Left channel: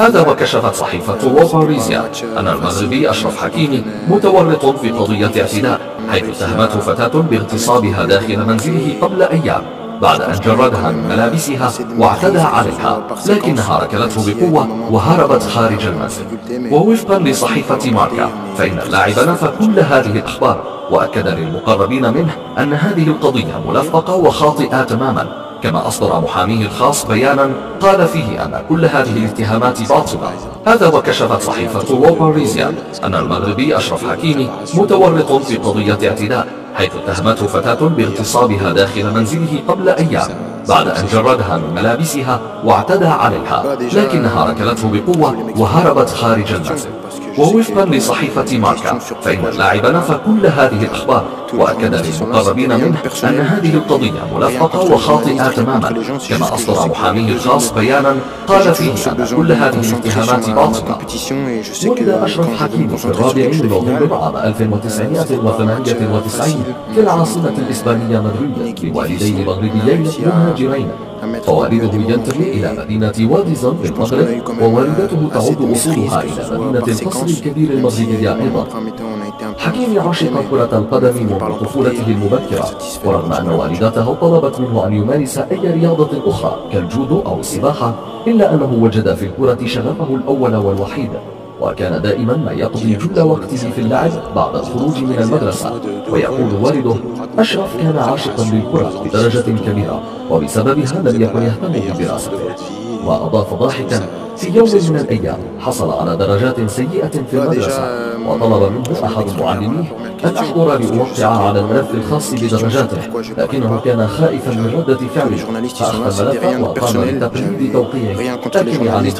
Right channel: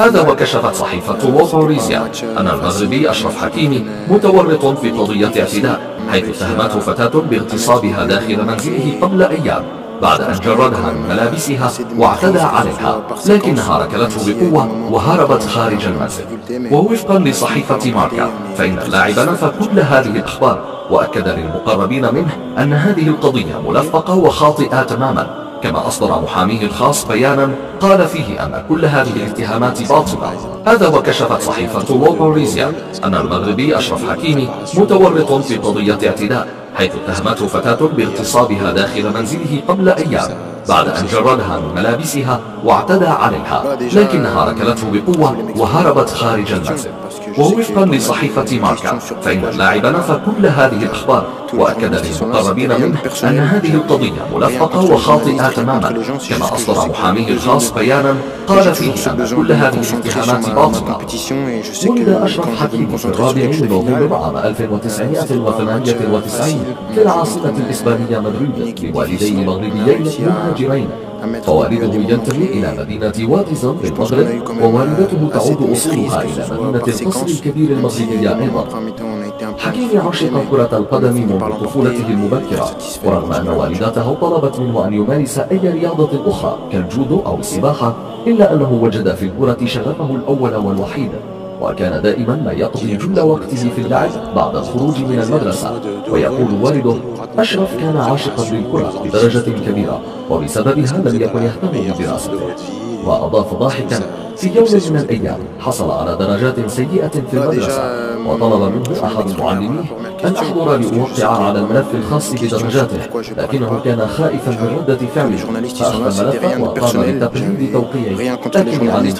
هذا وكشفت صحيفة لو باريزيان أن المغربي أشرف حكيمي متورط في قضية اعتداء، حيث اتهمته فتاة باغتصابها داخل منزله قبل أيام بعد أن جردها من ملابسها واعتدى عليها، لكنها ركلته بقوة وهربت خارج المنزل. ووفقا لصحيفة ماركا فإن اللاعب نفى كل هذه الأخبار، وأكد للمقربين منه أن هذه القضية ملفقة وخاطئة تماما، كما أصدر محاميه الخاص بيانا قال فيه أن كل هذه الاتهامات باطلة. هذا وكشفت صحيفة لو باريزيان أن المغربي أشرف حكيمي متورط في قضية اعتداء، حيث اتهمته فتاة باغتصابها داخل منزله قبل أيام بعد أن جردها من ملابسها واعتدى عليها، لكنها ركلته بقوة وهربت خارج المنزل. ووفقا لصحيفة ماركا فإن اللاعب نفى كل هذه الأخبار، وأكد للمقربين منه أن هذه القضية ملفقة وخاطئة تماما، كما أصدر محاميه الخاص بيانا قال فيه أن كل هذه الاتهامات باطلة. ولد أشرف حكيمي في 4 من نوفمبر عام 1998 في العاصمة الإسبانية مدريد لوالدين مغربيين مهاجرين، فوالده ينتمي إلى مدينة واديزون في المغرب، ووالدته تعود أصولها إلى مدينة القصر الكبير المغربية أيضا. حكيمي عشق كرة القدم منذ طفولته المبكرة، ورغم أن والدته طلبت منه أن يمارس أي رياضة أخرى كالجودو أو السباحة، إلا أنه وجد في الكرة شغفه الأول والوحيد، وكان دائما ما يقضي جل وقته في اللعب بعد الخروج من المدرسة. ويقول والده: أشرف كان عاشقا للكرة بدرجة كبيرة، وبسببها لم يكن يهتم بدراسته. وأضاف ضاحكا: في يوم من الأيام حصل على درجات سيئة في المدرسة، وطلب منه أحد معلميه أن أحضر لأوقع على الملف الخاص بدرجاته، لكنه كان خائفا من ردة فعله، فأخذ الملف وقام بتقليد توقيعه، لكن علمت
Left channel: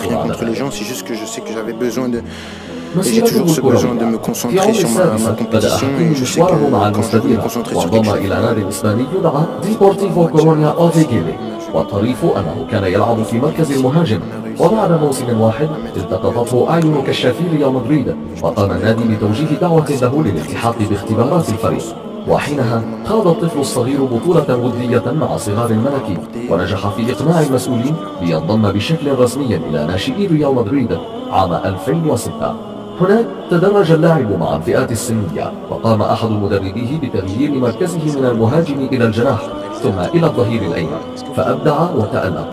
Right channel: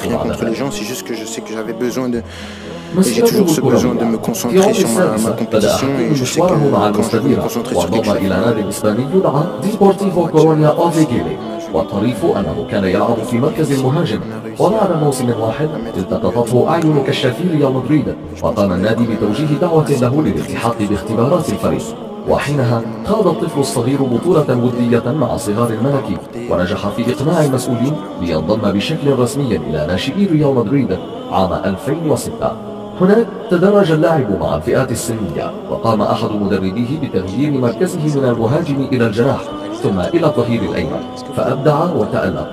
مسيرته الكروية. في عمر السادسة بدأ حكيمي مشواره مع المستديرة، وانضم إلى نادي إسباني يدعى ديبورتيفو كورونيا أوفيغيلي، والطريف أنه كان يلعب في مركز المهاجم. وبعد موسم واحد التقطته أعين كشافي ريال مدريد، وقام النادي بتوجيه دعوة له للالتحاق باختبارات الفريق، وحينها خاض الطفل الصغير بطولة ودية مع صغار الملكي، ونجح في إقناع المسؤولين لينضم بشكل رسمي إلى ناشئي ريال مدريد عام 2006. هناك تدرج اللاعب مع الفئات السنية، وقام أحد مدربيه بتغيير مركزه من المهاجم إلى الجناح ثم إلى الظهير الأيمن، فأبدع وتألق.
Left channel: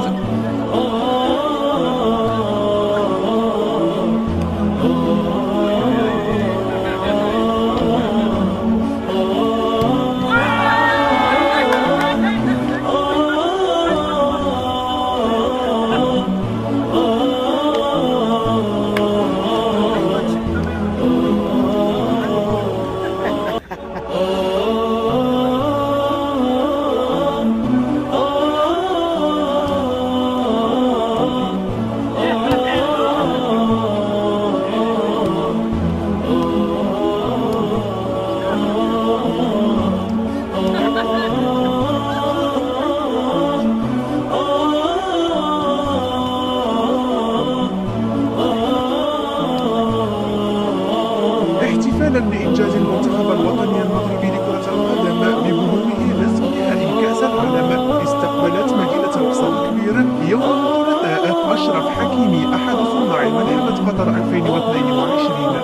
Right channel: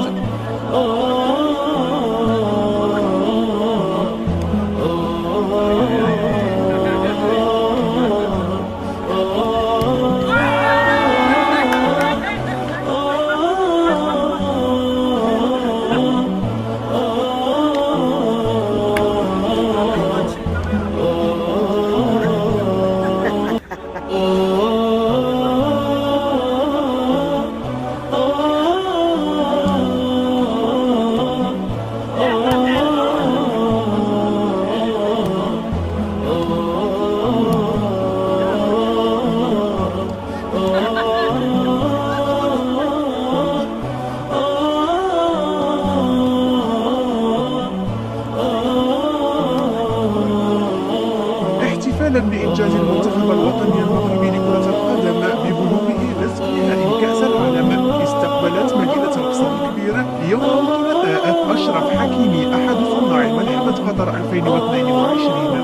احتفالا بإنجاز المنتخب الوطني المغربي لكرة القدم ببلوغه نصف نهائي كأس العالم، استقبلت مدينة القصر الكبير يوم الثلاثاء أشرف حكيمي أحد صناع ملحمة قطر 2022.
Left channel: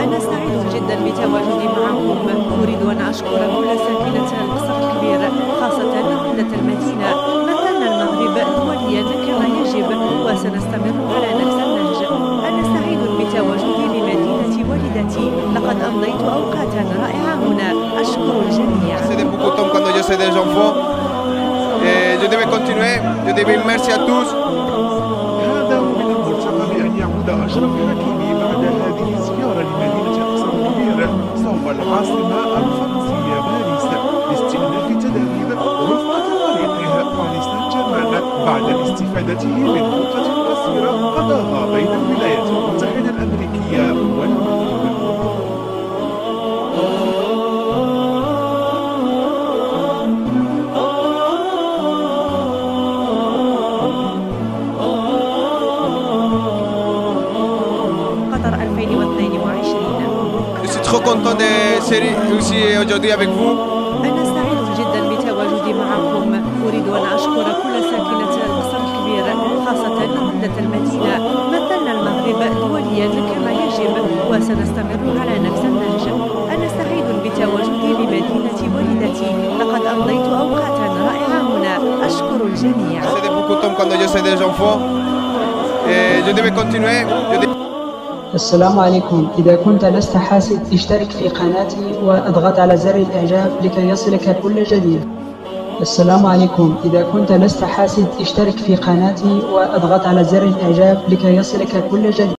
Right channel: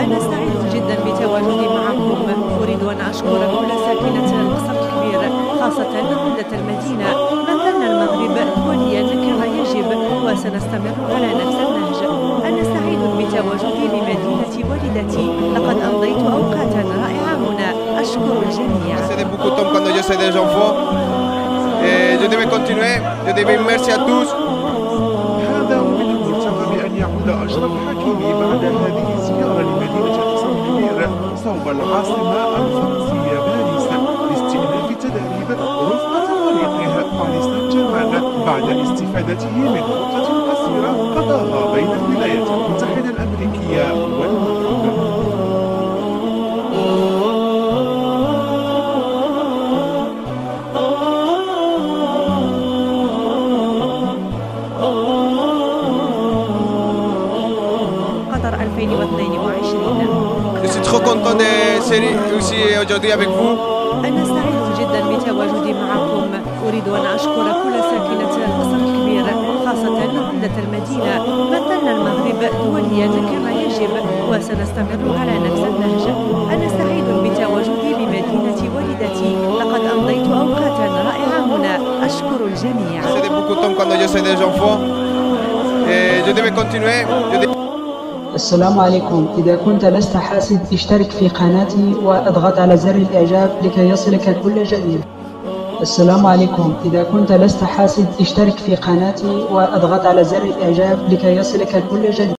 أنا سعيد جدا بتواجدي معكم. أريد أن أشكر كل ساكنة القصر الكبير، خاصة عمدة المدينة. مثلنا المغرب دوليا كما يجب، وسنستمر على نفس النهج. أنا سعيد بتواجدي بمدينة والدتي، لقد أمضيت أوقاتا رائعة هنا. أشكر الجميع. هذا ومن المرتقب أن يعود أشرف حكيمي بعد هذه الزيارة لمدينة القصر الكبير صوب العاصمة الفرنسية باريس لاستئناف تدريب رفقة فريقه باريس سان جيرمان بعد استفادته من عطلة قصيرة قضاها بين الولايات المتحدة الأمريكية والمغرب. قطر 2022. أنا سعيد جدا بتواجدي معكم. أريد أن أشكر كل ساكنة القصر الكبير، خاصة عمدة المدينة. مثلنا المغرب دوليا كما يجب وسنستمر على نفس النهج. أنا سعيد بتواجدي بمدينة والدتي، لقد أمضيت أوقاتا رائعة هنا. أشكر الجميع. السلام عليكم. إذا كنت لست حاسد اشترك في قناتي واضغط على زر الإعجاب لكي يصلك كل جديد. السلام عليكم. إذا كنت لست حاسد اشترك في قناتي واضغط على زر الإعجاب لكي يصلك كل جديد.